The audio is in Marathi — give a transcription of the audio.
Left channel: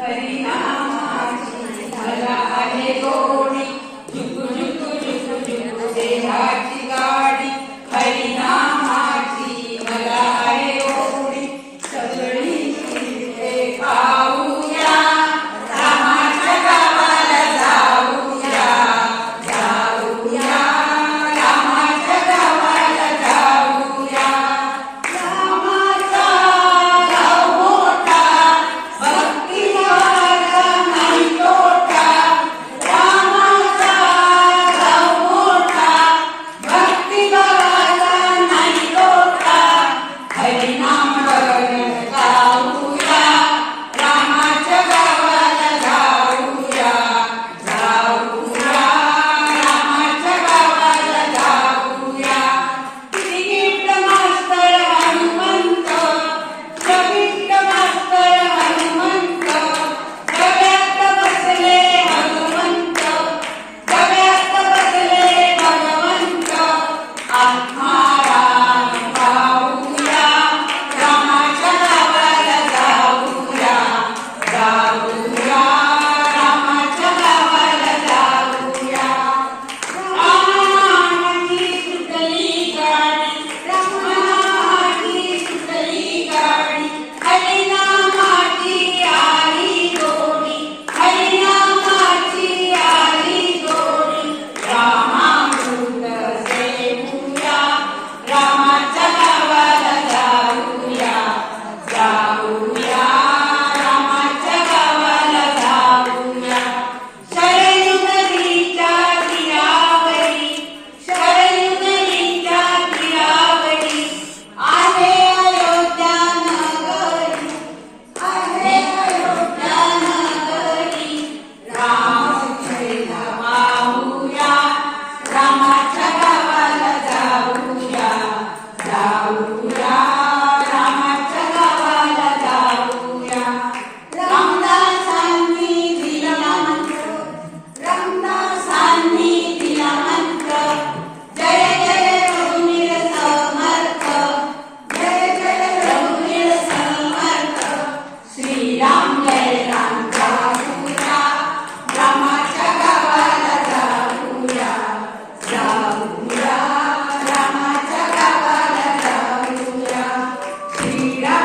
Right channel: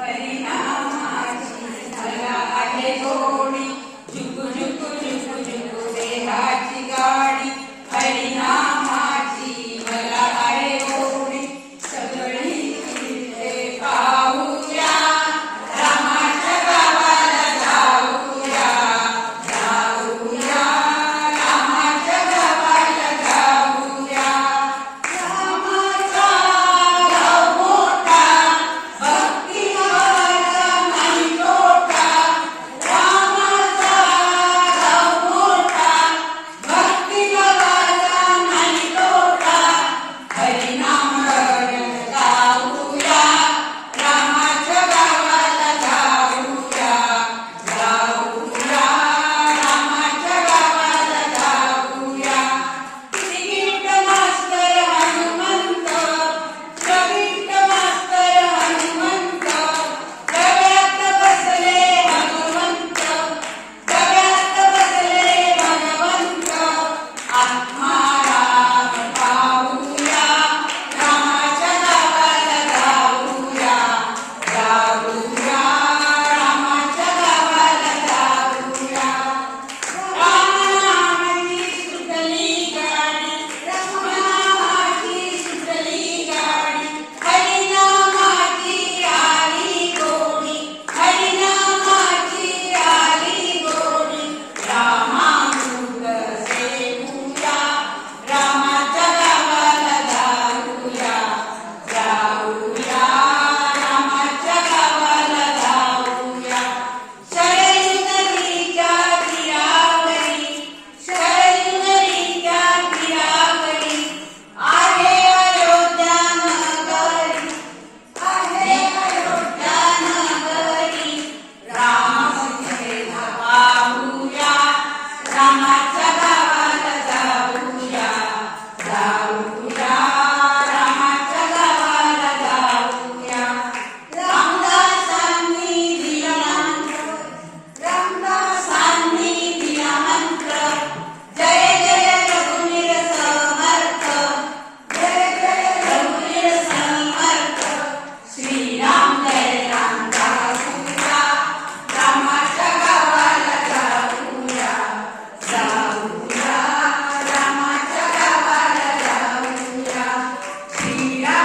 हरिनामाची मला आहे गोडी, झुकू झुकू झुकू झुकू देहाची गाडी. हरिनामाची मला आहे गोडी, सगळी तीर्थे पाहूया, रामाच्या गावाला जाऊया, जाऊया रामाच्या गावाला जाऊया. रामाचा गाव मोठा, भक्तिभावाचा नाही तोटा. रामाचा गाव मोठा, भक्तिभावाचा नाही तोटा. हरिनाम गायन गाऊया, रामाच्या गावाला जाऊया, जाऊया रामाच्या गावाला जाऊया. श्रीगीत मास्तर हनुमंत, श्रीगीत मास्तर हनुमंत, डब्यात बसले हनुमंत, डब्यात बसले भगवंत. आत्माराम पाहूया, रामाच्या गावाला जाऊया, जाऊया रामाच्या गावाला जाऊया. रामाची सुटली गाडी, रामाची सुटली गाडी. हरिनामाची आली गोडी, हरिनामाची आली गोडी. रामामृत सेवूया, रामाच्या गावाला जाऊया, जाऊया रामाच्या गावाला जाऊया. शरयू नदीच्या तीरावरी, शरयू नदीच्या तीरावरी आहे अयोध्या नगरी, आहे अयोध्या नगरी. रामसेना पाहूया, रामाच्या गावाला जाऊया, जाऊया रामाच्या गावाला जाऊया. रामदासांनी दिला मंत्र, रामदासांनी दिला मंत्र. जय जय रघुवीर समर्थ, जय जय रघुवीर समर्थ. श्रीराम जय राम जाऊया, रामाच्या गावाला जाऊया, जाऊया रामाच्या गावाला जाऊया. श्रीराम